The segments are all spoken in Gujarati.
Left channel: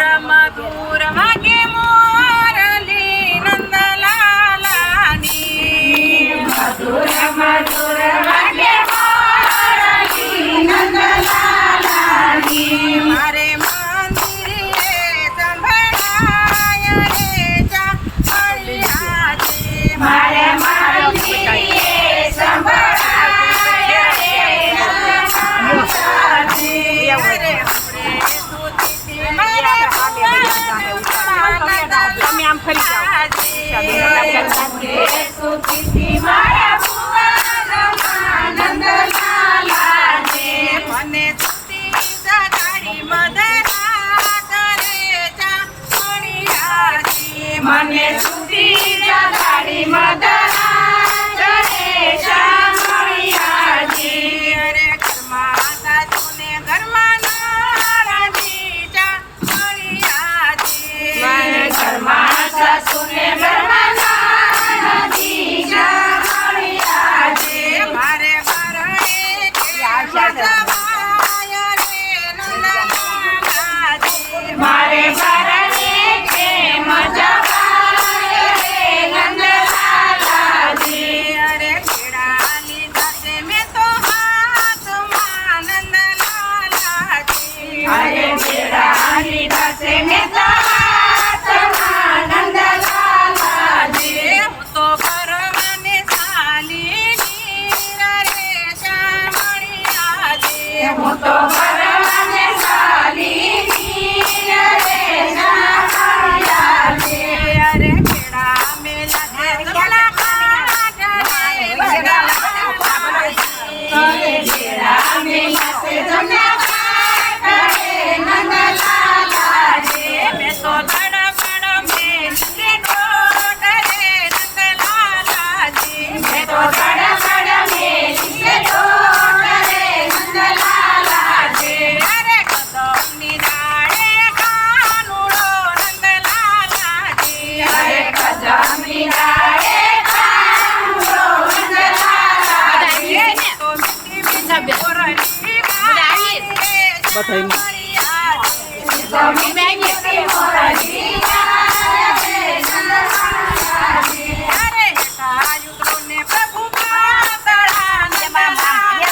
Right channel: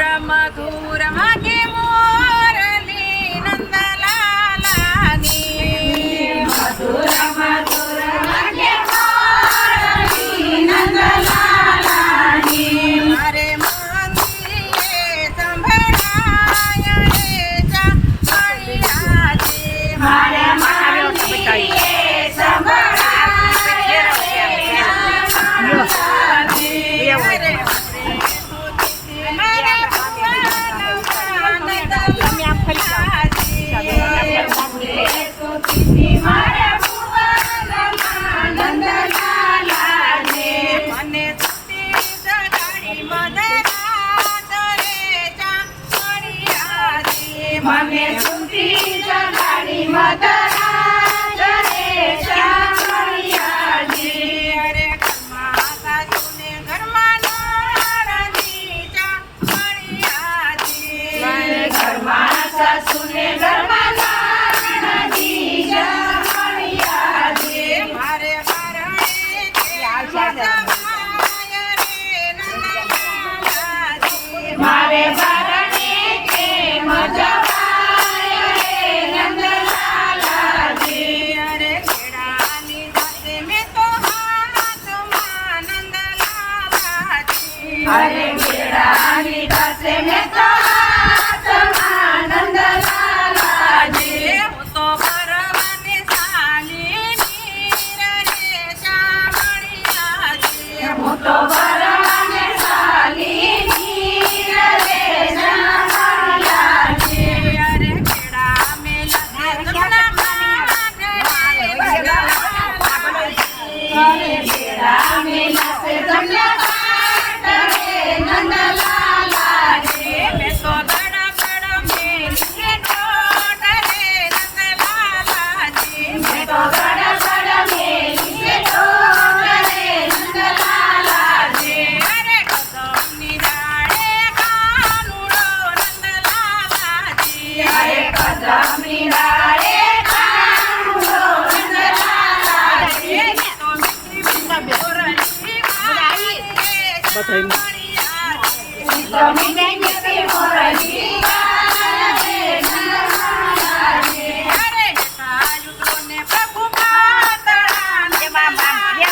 મધુર વાગે મોરલી નંદલાલાની મધુર વાગે મોરલી નંદલાલાની મારે મંદિરે સંભળાય રે ચામળિયાજી મારે મંદિરે સંભળાય રે મારે મને સુતી જગાડી મદરા કરે ચામળિયાજી મને સુતી જગાડી મદરા કરે ચામળિયાજી અરે ઘરમાં સાચુને ઘરમાં નાળજી ચામળિયાજી ઘરમાં સાસુને ઘરમાં નાનજી ચામળિયાજી મારે ઘરણે મજવાય રે નંદલાલાજી મારે ઘરને પ્રેમ જવાય રે નંદલાલાજી અરે ખેડા લીધા છે મેં તો હાથમાં નંદલાલાજી અરે બેડા લીધા છે મેં તો હાથમાં નંદલાલાજી હું તો ભરવાને ચાલીની રે ચામળિયાજી હું તો ભરવાને ચાલીની રે ચામળિયાજી અરે ખેડા મેલા છે ગમલા કાઢ રે નંદલાલાજી અરે બેડા મેલા છે તમને કાઢે નંદલાલાજી મેં તો ધડપડ મેલીને દોડ રે નંદલાલાજી મેં તો ધડધડ મેલીને દોડ રે નંદલાલાજી અરે કદમની ડાળે કાનુડો નંદલાલાજી અરે કદમની ડાળે કાનુડો નંદલાલાજી મેં તો મીઠી મીઠી મોરલી વાળી રે ચામળિયાજી તો મીઠી મોરલી ગાય રે નંદલાલાજી અરે હેઠા યુદ્રોને પ્રભુ પાતળા નંદલાલાજી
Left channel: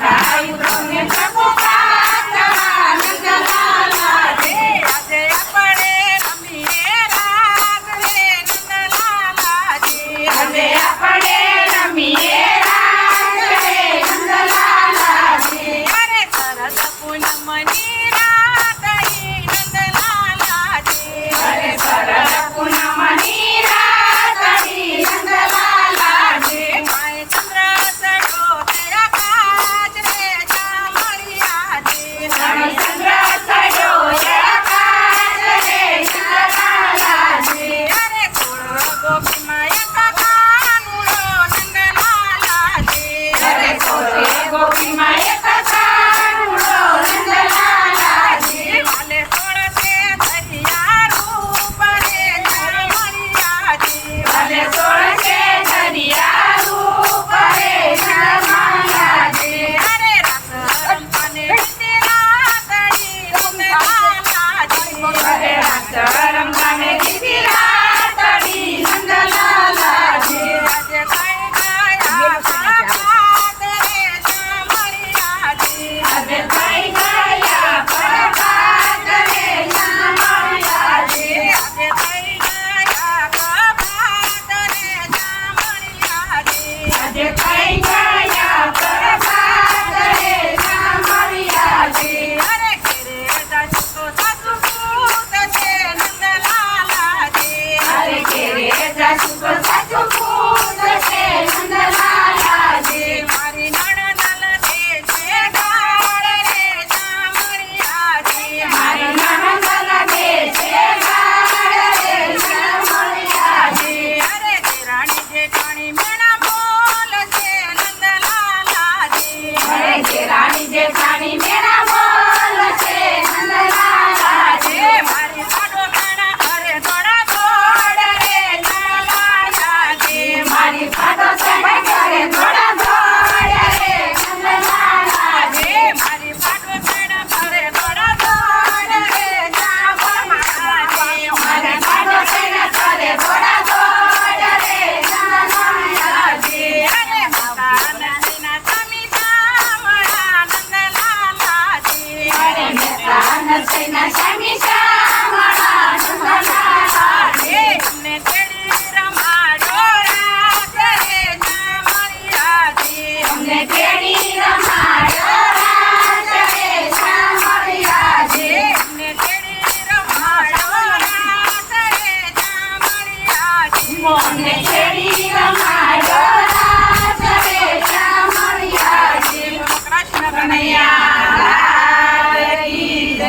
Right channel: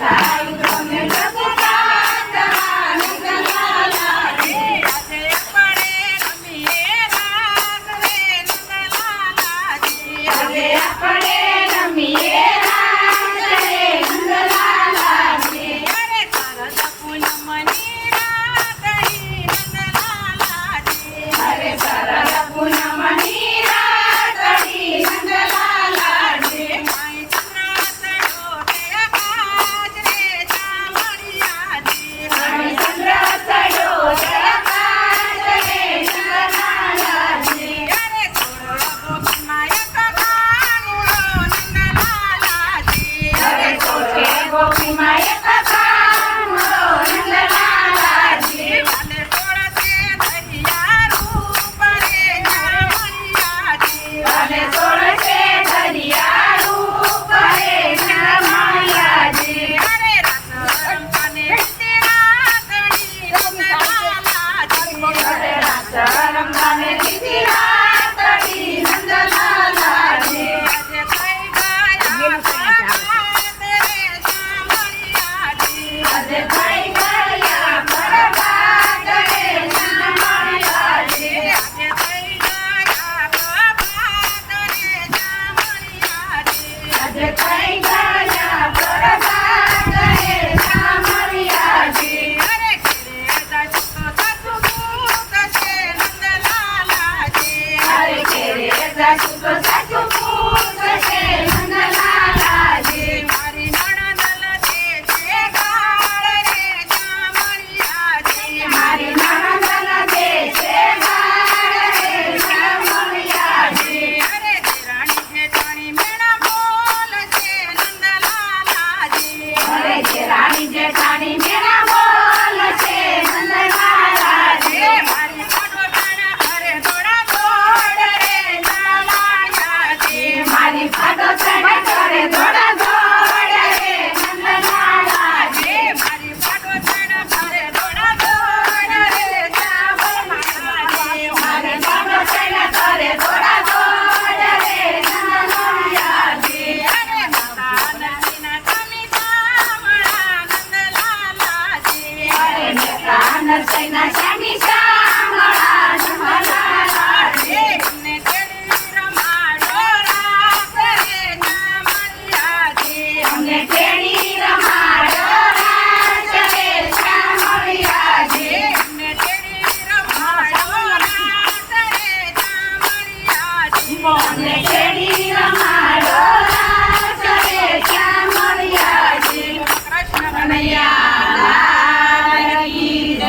રાયુને પ્રભુ પ્રાર્થના નંદલાલાજી આજે આપણે રમીએ રાસ રે નંદલાલાજી આજે આપણે રમીએ રાસ રે નંદલાલાજી અરે શરદ પૂનમની રાત ઈ નંદલાલાજી અરે શરદ પૂનમની રાતડી નંદલાલાજી માય ચંદ્ર સડો તે આકાશ રે ચામળિયાજી અમે ચંદ્ર સડ્યો આકાશ રે નંદલાલાજી અરે સોળ ગોપીમાં એક કાનુડો નંદલાલાજી અરે સોળે ગોપીમાં એક કાનુડો નંદલાલાજી વાલે સોળ તે ધરિયા રૂપ રે ચામળિયાજી અને સોળ છે દરિયા રૂપ રે નંદલાલાજી અરે રાસ રમતાને રીતે રાતડી નંદલાલાજી અરે રાસ રમતાને દીધી રાતડી નંદલાલાજી આજે કઈ ગયા પ્રભાત રે ચામળિયાજી આજે થઈ ગયા પ્રભાત રે નંદલાલાજી આજે કઈ ગયા પ્રભાત રે ચામળિયાજી આજે થઈ ગયા પ્રભાત રે ચામળિયાજી અરે ઘેરે જાશું તો સાસુ પૂત છે નંદલાલાજી અરે ઘેરે સાસુ તો સાસુ પૂત છે નંદલાલાજી મારી નણંદ લધે છે ગાળ રે ચામળિયાજી મારી નણંદ લાગે છે ગાળ રે ચામળિયાજી અરે દેરાણી જેઠાણી મેણા બોલ છે નંદલાલાજી અરે ઘેરાણી જેઠાણી